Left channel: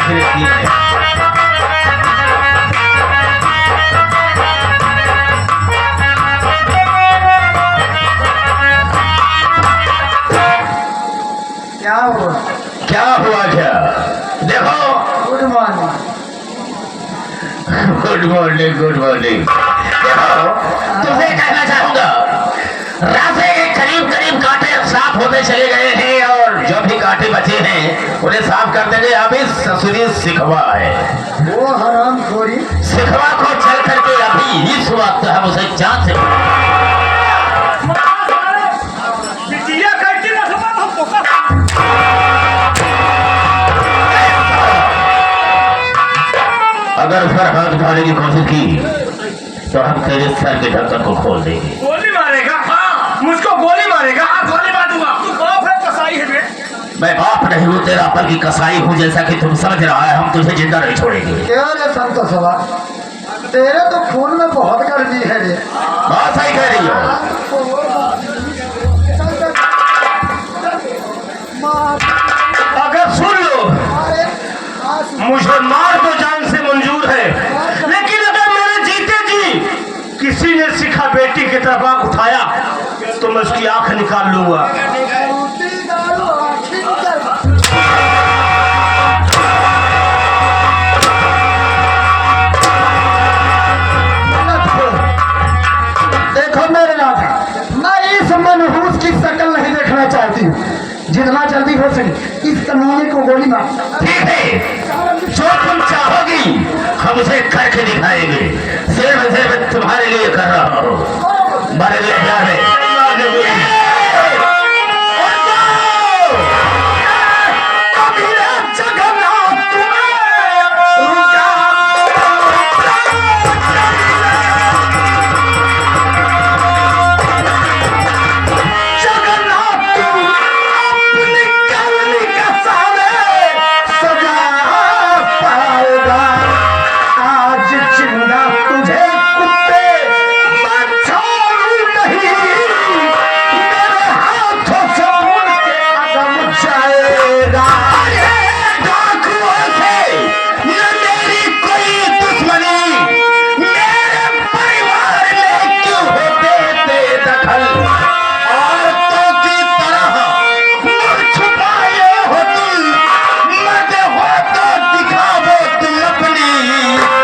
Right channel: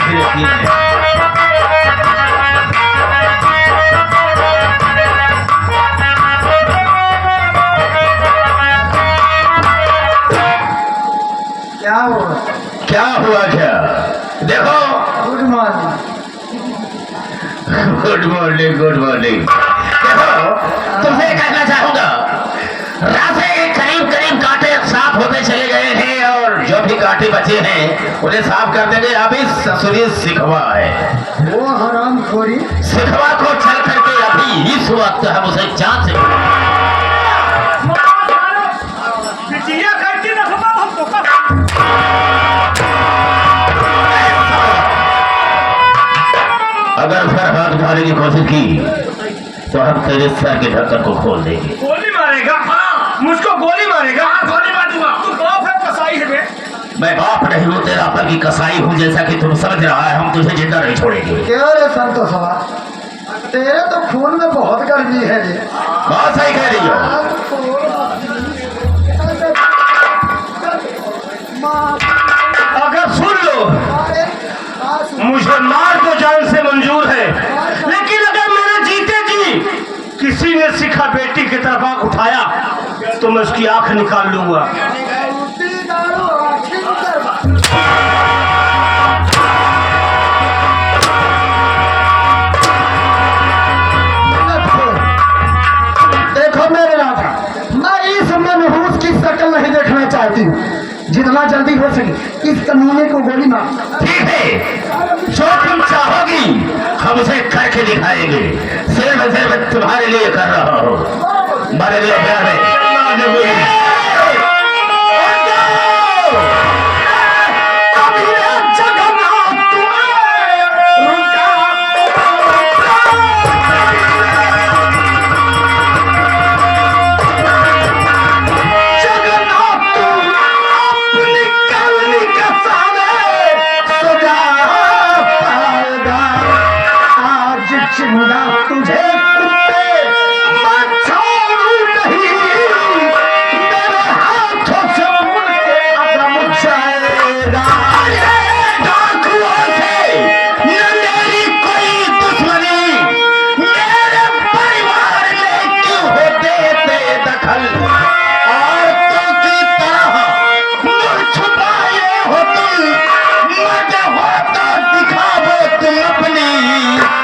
फिर ठीक है। क्या हुआ? क्या हुआ क्या? देखो, good morning. Good morning, good morning. देखो, तुमसे कहना चाहूंगा, रास्ते के करीब करीब कांटे साफ होते चले गए हैं और जो भी कांटे बचे हैं उन्हें साफ कर देंगे। अभी ससुरी सिखवा है, वो हराम खोरी। सिखवा को चल करके अभी इस वक्त हम उसे जान से बिटिया कहती ना समझ हम तो का अगर सर हाथ उठाने की कोशिश की तो हम तेरे सर के ढक्कन को खोल देंगे। गोली मारेगा? हाँ, मुझको गोली मारेगा? हाँ, गोली मार दूंगा। तू बाप है कसाई है बे? मैं बाप नहीं हूँ, तेरा पर की कसाई हूँ, जैसा कि तुम समझ रहा है। हम तुझे जिंदा नहीं छोड़ेंगे। क्या रे संतोष सभा, तेरे तो खून में बहुत गर्मी है रे। बहुत सही कह रही हो। अगर सुन लो, मुझे मार तो जान से मंजूर है, लेकिन अगर मेरे जीते जी किसी ने सिखा बेटी की तरफ आंख उठाया तो मैं उसकी आंख निकाल लूंगा। देखो मेरे राजा, मैं इस मनहूस की शक्ल नहीं देखना चाहती हूँ। जितना जल्दी हो सके इस कमीने को गोली मार। ठीक है, जो तुम चाहोगी हम उसे करके दिखाएंगे। सिर्फ तुम्हारे लिए कर रहा हूँ, हमारे लिए प्यार है। तुझे कुत्ते नहीं, मेरे हाथों से मुड़ के कदम जाएगा। डाकुओं से न मेरी कोई दुश्मनी, मेरे परिवार में क्यों होते बेदखल? औरतों की तरह मुड़ छुपाए हो तुम, मर्द हो तो दिखाओ तुम अपनी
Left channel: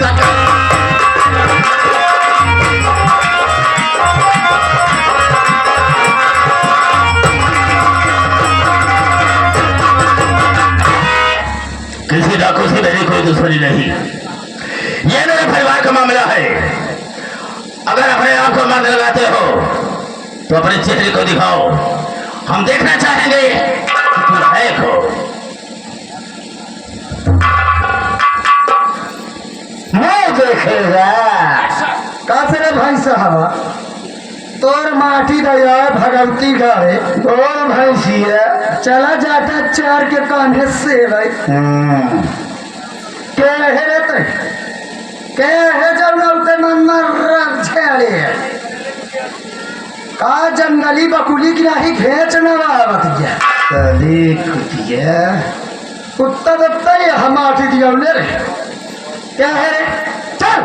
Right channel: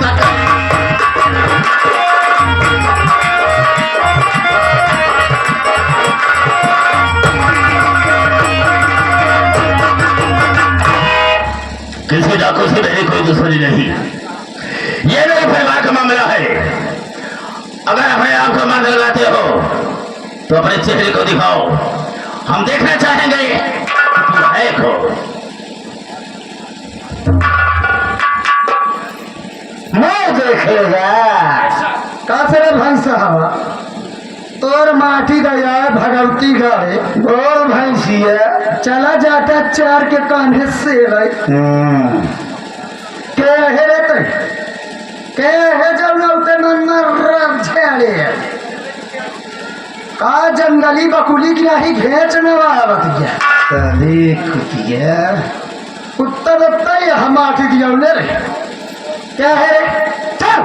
शकल। किसी डाकू से मेरी कोई दुश्मनी नहीं, ये मेरे परिवार का मामला है। अगर अपने आप को मार लगाते हो तो अपने चेहरे को दिखाओ, हम देखना चाहेंगे कि तुम है कौन। मैं देखेगा कासरे भैंस हवा तोर माटी दया भगवती गावे गोर भैंसिया चला जाता चार के कान्हे से भाई के है रहते के है जब नौते मन छेड़े का जंगली बकुली की राही घेच न आवत गया अरे कुतिया कुत्ता दत्ता ये हम आटी दिया ले रे क्या है रे? चल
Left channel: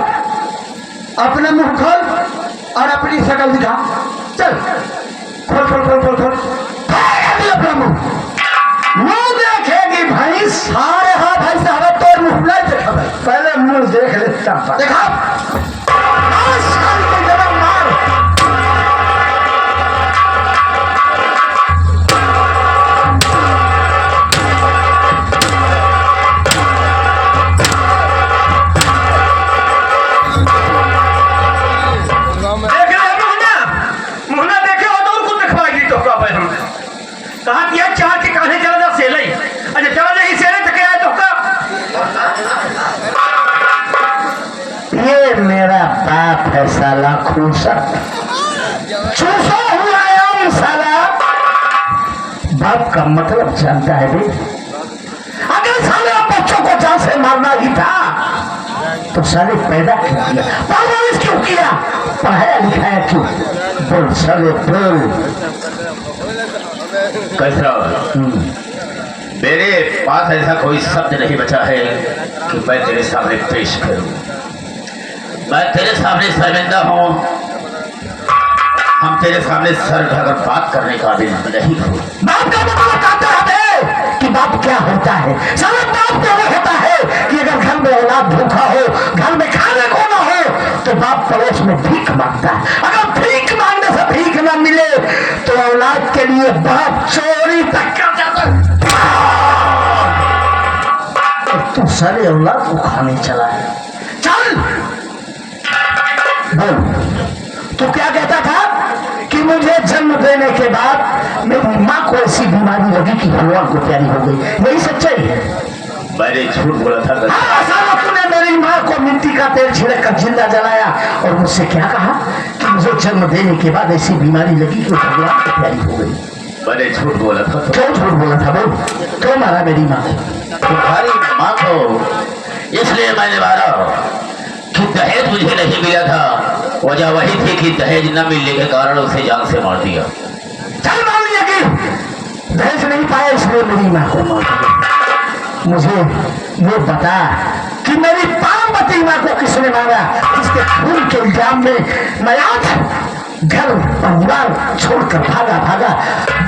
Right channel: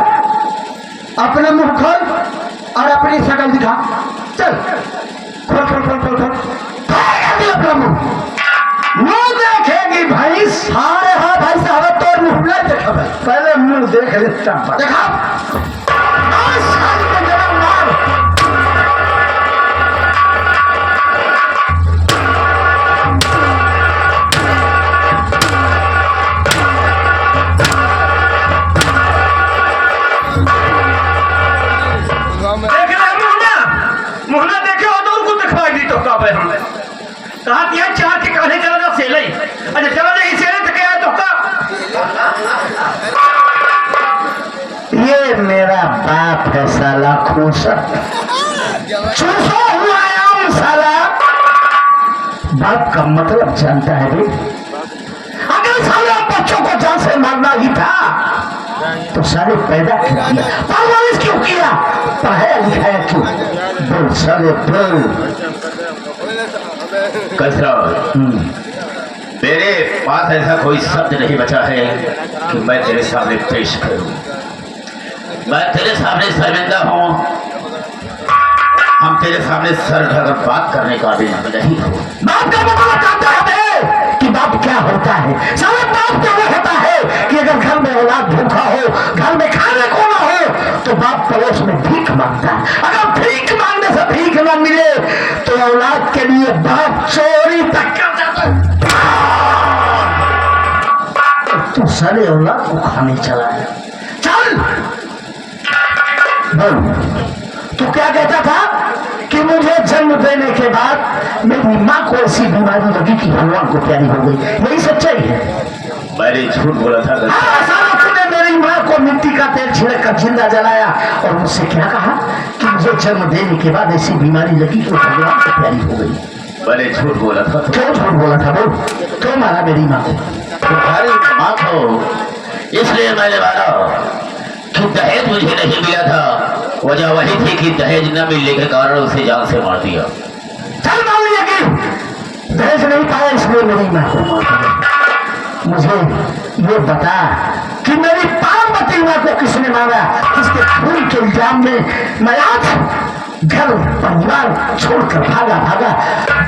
अपना मुंह खोल और अपनी शकल दिखा। चल खोल खोल खोल खोल खोल अभी अपना मुंह देखेगी भाई। सारे हाँ भाई साहब तो मुंह नहीं देखा भाई, पहले मुंह देख लेता देखा। मुहना देखे हो तो उनको दिखवा दी तो का भाई हमने कहा दिया चार के कहने चला जा सेले अरे चला नहीं सेले तो क्या है तो का ये मेरा बाप है साला खूसर, चूसा हुआ आम साला। बाप का मतलब जानता है भी? अगर साले बच्चों को जान से मारना ही था तो साले पैदा क्यों किया, परवरिश क्यों किया, पढ़ाया लिखाया क्यों? बोल साले बोल। मेरे पास ऐसा कोई शब्द नहीं बचा है कि मैं तेरे सामने पेश करूं। मैं तेरे सामने शर्मिंदा हूं। हम तेरे सामने सर ढक बात करने का भी नहीं हो। बाप का मतलब कहता है कि बाप क्या होता है। सारा बाप तो वो होता है कि अगर घर में औलाद भूखा हो, घर में खाने को ना हो, तो बाप पड़ोस में भीख मांगता है। अगर भीख मांगने से भीख ना मिले तो औलाद के लिए बाप चोरी तक कर जाता है। तू सारे औलाद को खाने चला है। चल बोल, तू क्या कहता था कि मुझे जन्म देने के बाद मेरी माँ को ऐसी बीमारी लगी कि भगवान को प्यारी हो गई। यही सच्चाई है। मैंने झूठ बोला था। तूने मेरी माँ को मिट्टी का तेल छिड़क कर जिंदा जलाया और मुझसे क्या कहा कि मुझे जन्म देने के बाद ऐसी बीमारी लगी कि भगवान को प्यारी हो गई। मैंने झूठ बोला था। क्यों झूठ बोला था? बोल, क्यों मारा मेरी माँ को? तुम्हारी माँ को इसलिए मैंने मारा कि दहेज मुझे नहीं मिला था। वजह वही थी कि दहेज न मिलने के कारण उसे जान से मार दिया। चल मान लिया कि दहेज नहीं पाया इसलिए मेरी माँ को मार दिया। मुझे ये बता कि मेरी पार्वती माँ को किसने मारा, जिसके खून के इल्जाम में मैं आज घर परिवार छोड़कर भागा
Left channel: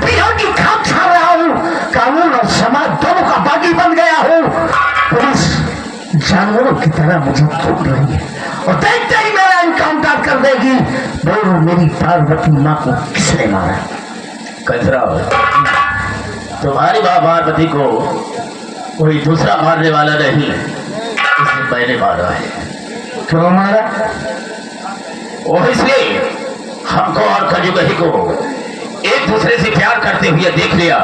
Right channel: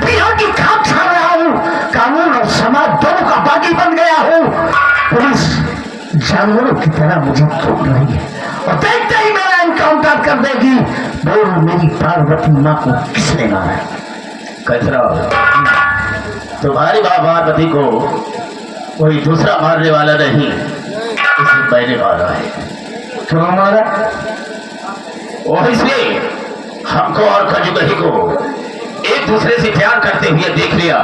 बिहार की खाक खा रहा हूँ। कानून और समाज दोनों का बागी बन गया हूँ। पुलिस जानवरों की तरह मुझे थोप रही है और देखते ही मेरा इनकाउंटर कर देगी। बोल, मेरी पार्वती माँ को किसने मारा? कचरा, तुम्हारी माँ पार्वती को कोई दूसरा मारने वाला नहीं, उसे मैंने मारा है। क्यों मारा? वो इसलिए हमको और खजुगही को एक दूसरे से प्यार करते हुए देख लिया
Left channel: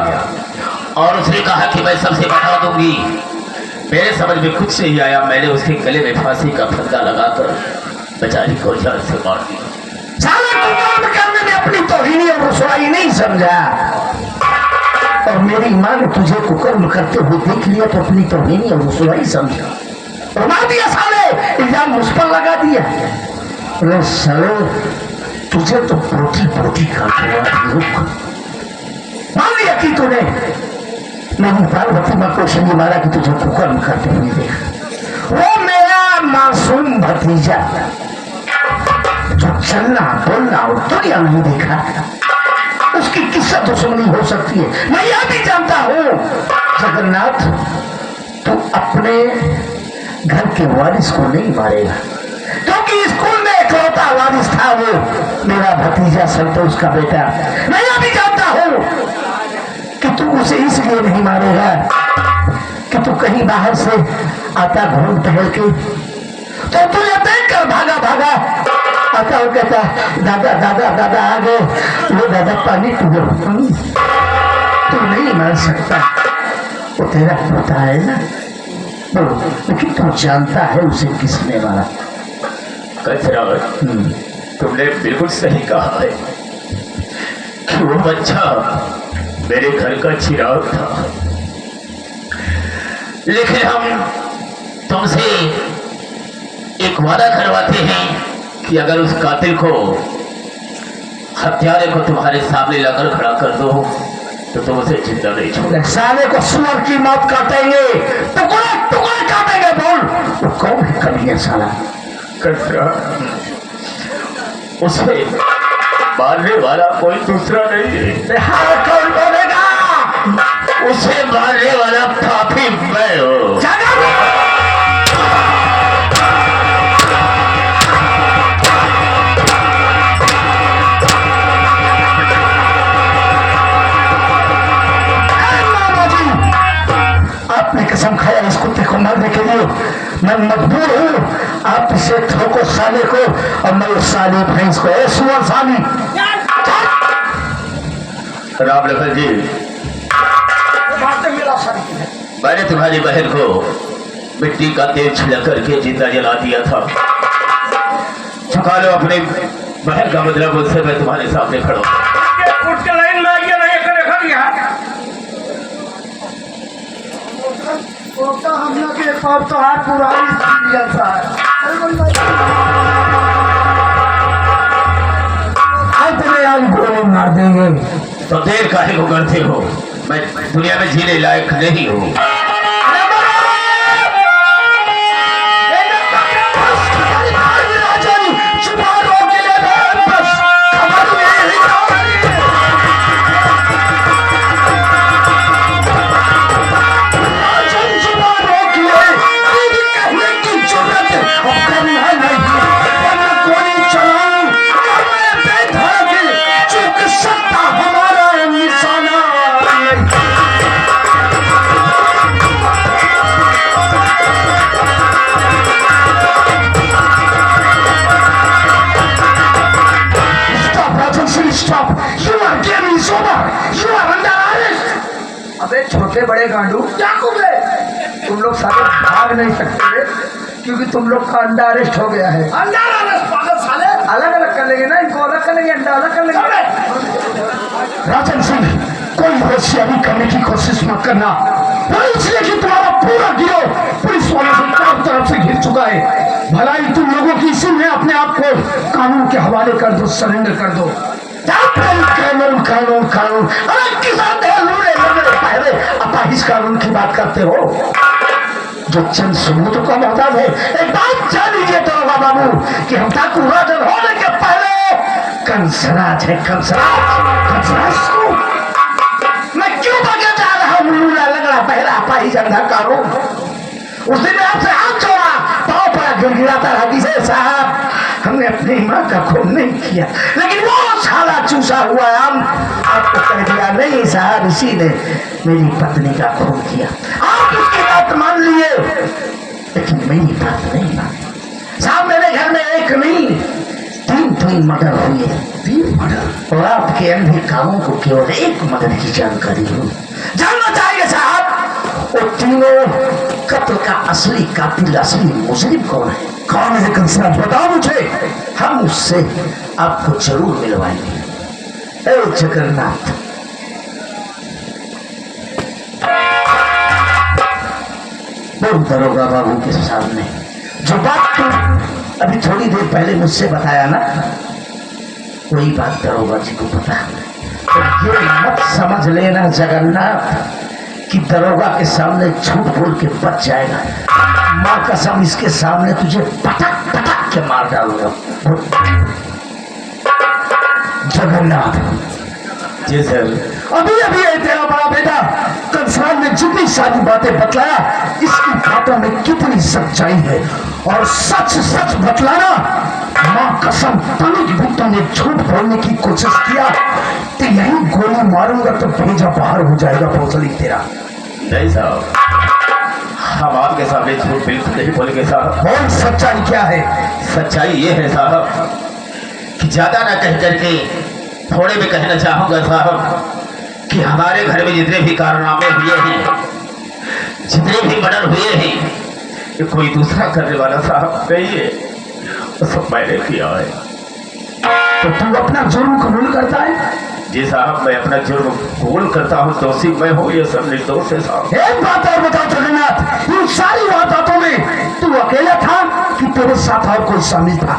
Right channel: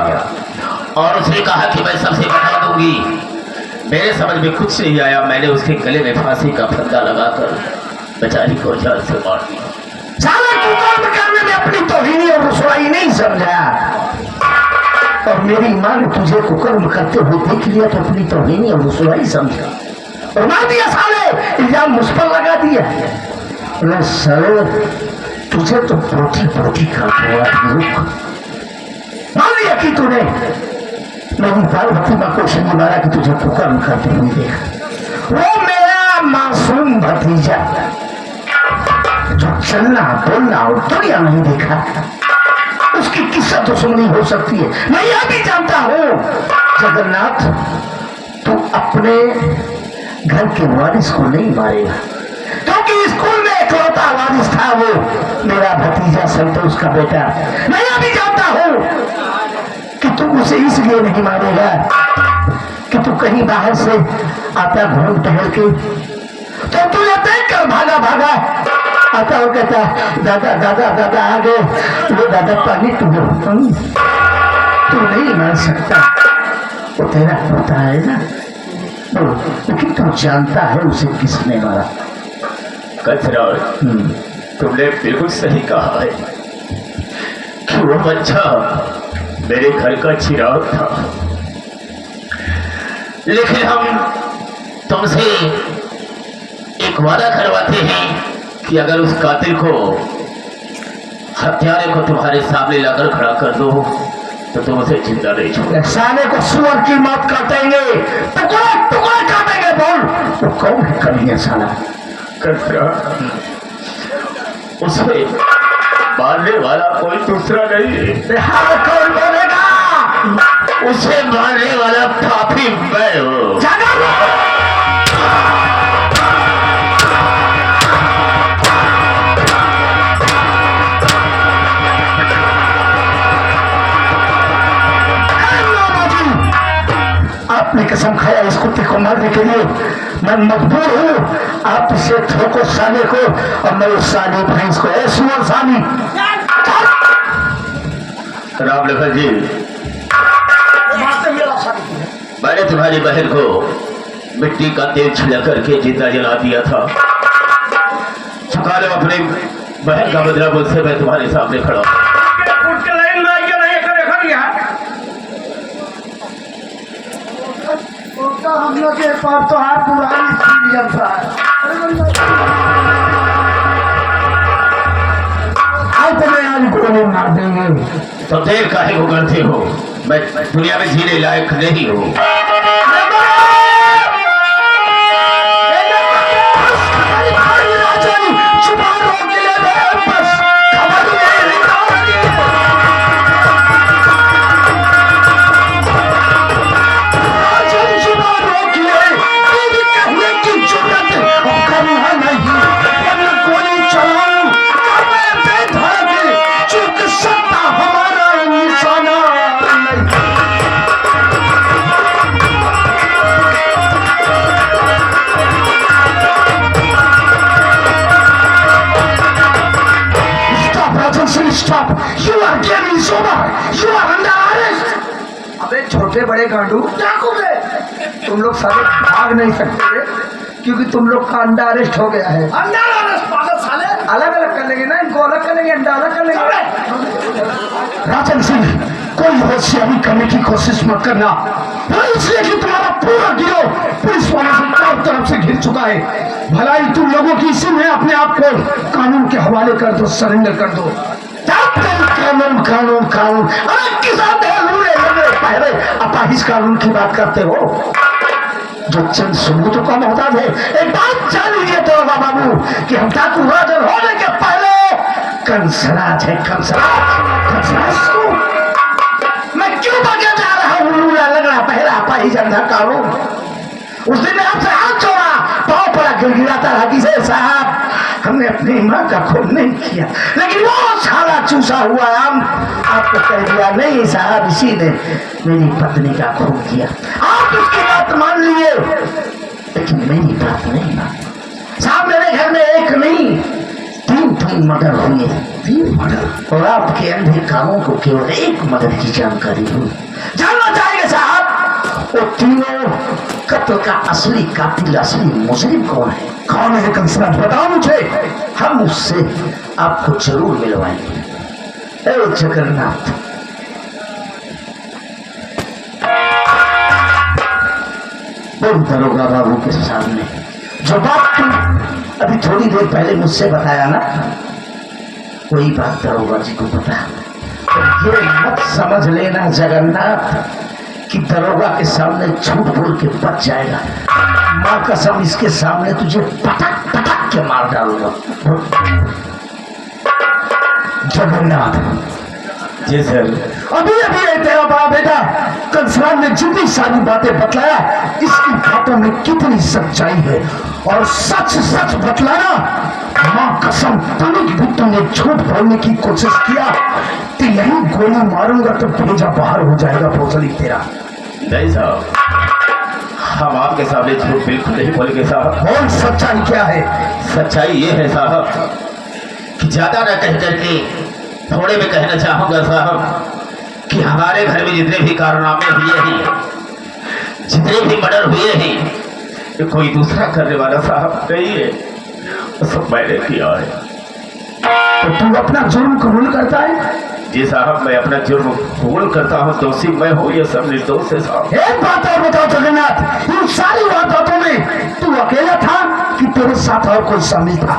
और उसने कहा कि मैं सबसे बता दूंगी। मेरे समझ में कुछ नहीं आया। मैंने उसके गले में फांसी का फंदा लगाकर बेचारी को जान से मार दिया। साला तू कर्म करने में अपनी तौहीनी और रुसवाई नहीं समझा और मेरी माँ ने तुझे कुकर्म करते हुए देख लिया तो अपनी तौहीनी और रुसवाई समझा और मार दिया। साले इल्जाम मुझ पर लगा दिया। अरे साले तुझे तो पोटी कर दिया। मान लिया कि तूने मेरी पार्वती माँ को इसलिए मारा कि तुझे कुकर्म करते हुए देखा। वो मेरा मासूम भतीजा जो चलना बोलना और दुनिया नहीं देखा, उसकी किस्सा दुश्मनी हो सकती है। मैं यह भी जानता हूँ जगन्नाथ, तू अपने घर के वारिस को नहीं मारेगा क्योंकि स्कूल में इकलौता वारिस था वो मेरा भतीजा संतोष का बेटा। मैं यह भी जानता हूँ कि तू उसे इसलिए नहीं मारेगा कि तू कहीं बाहर से आता घूम टहल के तो तुझे देख कर भागा आता हो, कहता दादा आ गए। वो दादा पानी तू नहीं मार सकता, वो तेरा होता है ना। लेकिन तू जानता है उसे किसने मारा? कचरा, तुमने बिल्कुल सही कहा है कि वो बच्चा मेरे घर का चिराग था। लेकिन हम तुमसे एक वादा करवाते हैं कि अगर उस कातिल को, हत्यारे को तुम्हारे सामने लाकर खड़ा कर दो तो तुम उसे जिंदा नहीं छोड़ो। साले को सुअर की मौत काटेंगे, टुकड़े काटेंगे। बोल, वो कौन है कलिया साला? कचरा, उसे मारने वाला कोई दूसरा नहीं है। कौन बोलेगा? उसे मारने वाला पापी मैं हूँ। आपने कसम खाया इस कुत्ते को मारने के लिए। मैं मजबूर हूँ। आप इसे ठोको साले को और मैं उस साली भैंस को, सुअर साली। राम लखन जी, मैंने तुम्हारी बहन को मिट्टी का तेल छिड़क करके जिंदा जला दिया था। चुका लो अपने बहन का बदला। मुझसे मैं तुम्हारे सामने खड़ा हूँ। हम लोग के पास तो है पुरानी एक्सपीरियंस है। आज गोली मार देंगे तो देर काहे को करते हो? मैं दुनिया में जीने लायक नहीं हूँ। Stop! You are getting sober. You are under arrest. अबे छोटे बड़े गांडू क्या कूदे, तुम लोग साले भाग नहीं सकते क्योंकि तुम लोग का अंडा अरेस्ट हो गया है। अंडर अरेस्ट पागल साले। अलग अलग कर लेंगे ना, इनको अलग कर लेंगे, अंडा अलग कर लेंगे। राजन सिंह, कोई होशियारी करने की कोशिश मत करना, इसलिए कि तुम्हारा पूरा गिरोह पुलिस वालों से चारों तरफ से घिर चुका है। भलाई तुम लोगों की इसी में अपने आप को कानून के हवाले कर दो, सरेंडर कर दो। कानून कानून कानून, अरे किसान अपाहिज कानून की बात करते हो जो चंद सबूतों का मोहताज है। एक बात जान लीजिए तो बाबू कि हम ठाकुर राजन होने के पहले कंसराज है, कंसराज को मैं क्यों भागे जा रहा हूँ? लगड़ा पहला अपाहिज अंधा कानून। उस दिन आपसे हाथ जोड़ा, पाँव पर गिड़गिड़ाता रहा कि साहब हमने अपनी माँ का खून नहीं किया, लेकिन वो साला चूसा हुआ आम आपको कह दिया नहीं साहब इसी ने मेरी पत्नी का खून किया। आप उसकी बात मान लिए लेकिन मेरी बात नहीं मानी। साहब मेरे घर में एक नहीं तीन मर्डर हुए, 3 मर्डर, और आपके अंधे कानों को केवल एक मर्डर की जानकारी हो। जानना चाहिए साहब वो तीनों कत्ल का असली कातिल, असली मुजरिम कौन है? कौन है कंसराज? बताओ मुझे, हम उससे आपको जरूर मिलवाएंगे। जगन्नाथ बोल दरोगा बाबू के सामने जो बात तुम अभी थोड़ी देर पहले मुझसे बताया ना, वही बात दरोगा जी को पता। तो ये मत समझ लेना जगन्नाथ कि दरोगा के सामने झूठ बोल के बच जाएगा। माँ कसम इसके सामने तुझे पटक पटक के मार डालूंगा। जगन्नाथ जी सर। अभी अभी तेरा बड़ा बेटा कंसराज ने जितनी सारी बातें बतलाया, इसकी बातों में कितनी सच्चाई है, और सच सच बतलाना। माँ कसम तनिक भी तुमने झूठ बोलने की कोशिश किया तो यही गोली मारूंगा तो भेजा बाहर हो जाएगा भोसड़ी तेरा। नहीं साहब, हम आपके सामने झूठ बिल्कुल नहीं बोलेंगे साहब। और सच्चाई क्या है? सच्चाई ये है साहब कि ज्यादा ना कह करके थोड़े भी कहना चाहूंगा साहब कि हमारे घर में जितने भी कारनामे हुए हैं, जितने भी मर्डर हुए हैं, ये कोई दूसरा करने वाला साहब नहीं है, वो सब मैंने किया है। तो तू अपना जुर्म कबूल करता है? जी साहब, मैं अपना जुर्म कबूल करता हूँ, दोषी मैं हूँ, ये सब निर्दोष है साहब। एक बात और बताओ जगन्नाथ, इन सारी वारदातों में तू अकेला था कि तेरे साथ और कोई शामिल था?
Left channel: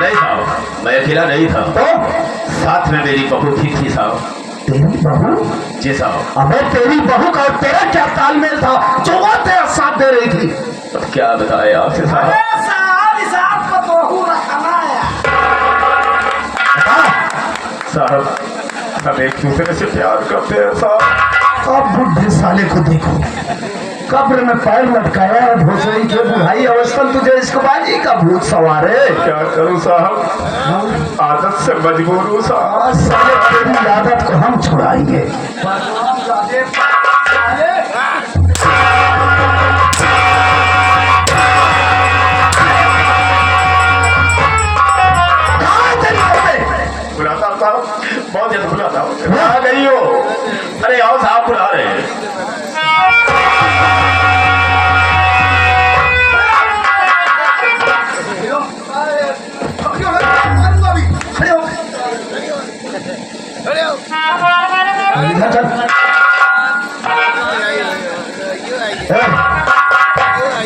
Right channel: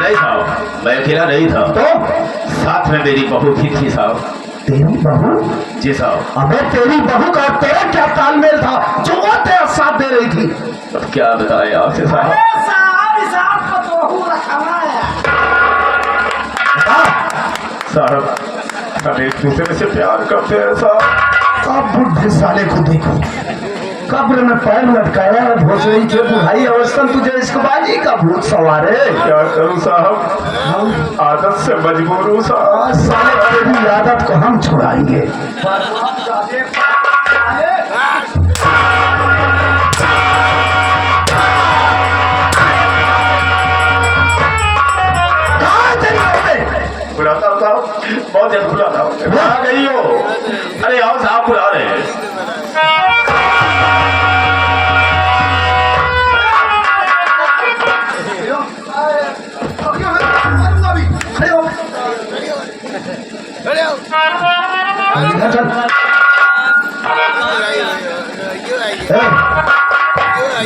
नहीं साहब, मैं अकेला नहीं था, तो साथ में मेरी बहू भी थी साहब। तेरी बहू? जी साहब। अबे तेरी बहू का तेरा क्या तालमेल था जो वो तेरा साथ दे रही थी? अब क्या बताए आपसे साहब? साहब हम एक दूसरे से प्यार करते हैं साहब। अब बुढ़े साले को देखो, कब्र में पैर लटकाया है, भोसड़ी के बुढ़ाई अवस्था में तुझे इश्कबाजी का भूत सवार है। क्या करूं साहब, आदत से मजबूर हूं साहब। साले तेरी आदत को हम छुड़ाएंगे। बुलाता हूं साहब, बहुत जल्द बुलाता हूं। कहाँ गई हो? अरे आओ साहब, बुला रहे हैं।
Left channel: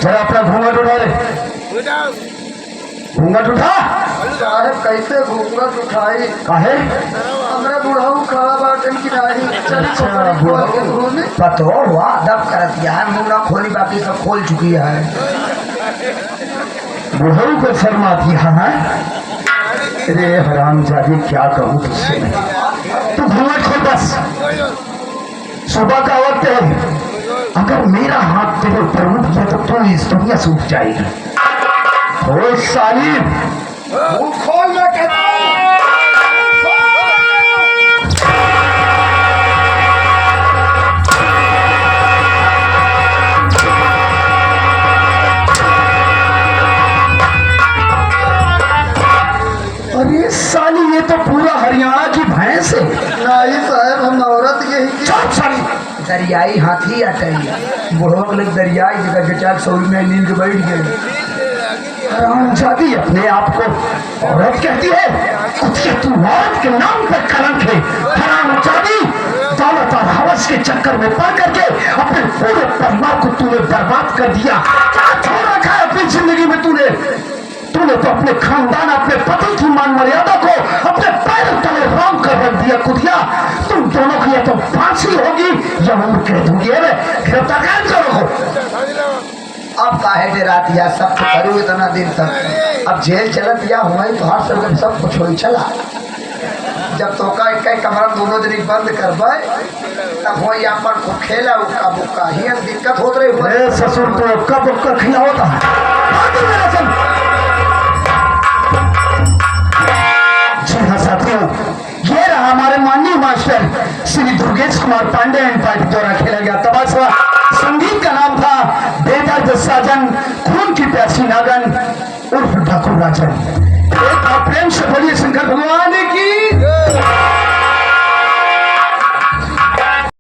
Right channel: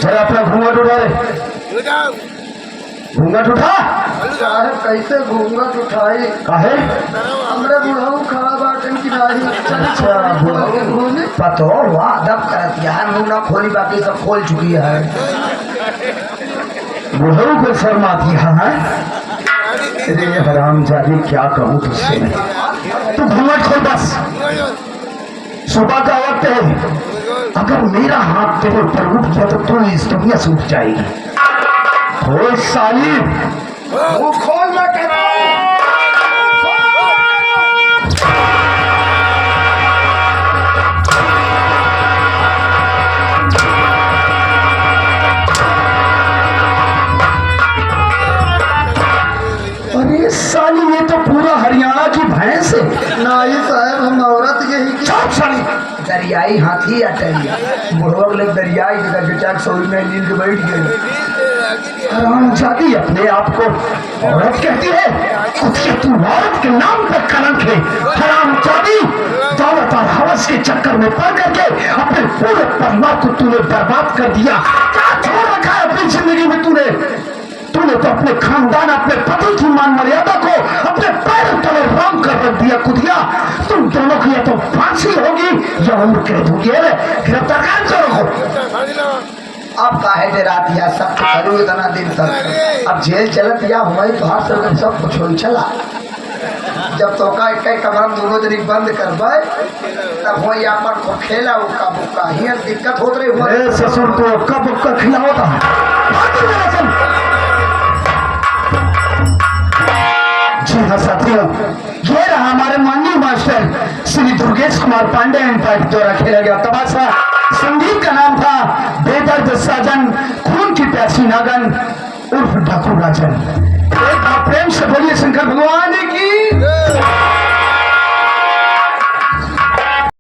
जरा अपना घूंघट उठा ले, घूंघट उठा। साहब कैसे घूंघट उठाई काहे हमरा बुढ़ाऊ खड़ा बाटन की नाही अच्छा बुढ़ाऊ पतो वाह दब करत यार मुंह ना खोली बाकी सब खोल चुकी है बुढ़ाऊ को शर्मा दिया है अरे हरामजादी क्या कहूँ तुझसे तू घूंघट खोल बस सुबह का वक्त है अगर मेरा हाथ तेरे ऊपर उठ गया तो तू इस दुनिया से उठ जाएगी खोल साली मुंह खोल ना कहता अरे साली ये तो पूरा हरियाणा की भैंस है नहीं साहब हम औरत यही की चुप साली दरियाई हाथी अटैया बुढ़वा लोग दरियाई जगह बेचार सौरी में नींद के बैठ गए हरामजादी अपने आप को औरत कहती है कुत्ते तू औरत के नाम पर कलंक है हरामजादी दौलत और हवस के चक्कर में पड़ करके अपने पूरे परिवार को तूने बर्बाद कर दिया क्या छोड़ रखा है अपनी जिंदगी में तूने तूने तो अपने खानदान अपने पति की मान मर्यादा को अपने पैर तले राम कर रख दिया कुतिया तुम दोनों की या तो फांसी होगी या उम्र कह दूंगी गिरफ्तार करो अब काहे दे रात या सब तो करूँ इतना दिन तक अब जेल चलत या हुई तो हर सब कुछ हो चला जब तो का एक कमरा दोनों दिन बंद करबे तब वही अपन को खेला उका बुका ही दिक्कत होत रही हो ससुर को कब कब खिलाता जी हाँ साथियों ये रहा हमारे माननीय master Shri Durgesh Kumar Pandey and party द्वारा खेला गया तमाशा संगीत का नाम था बेदर्द साजन खून की प्यासी नागन उर्फ ठाकुर राजन एक बार प्रेम से बोलिए शंकर भगवान की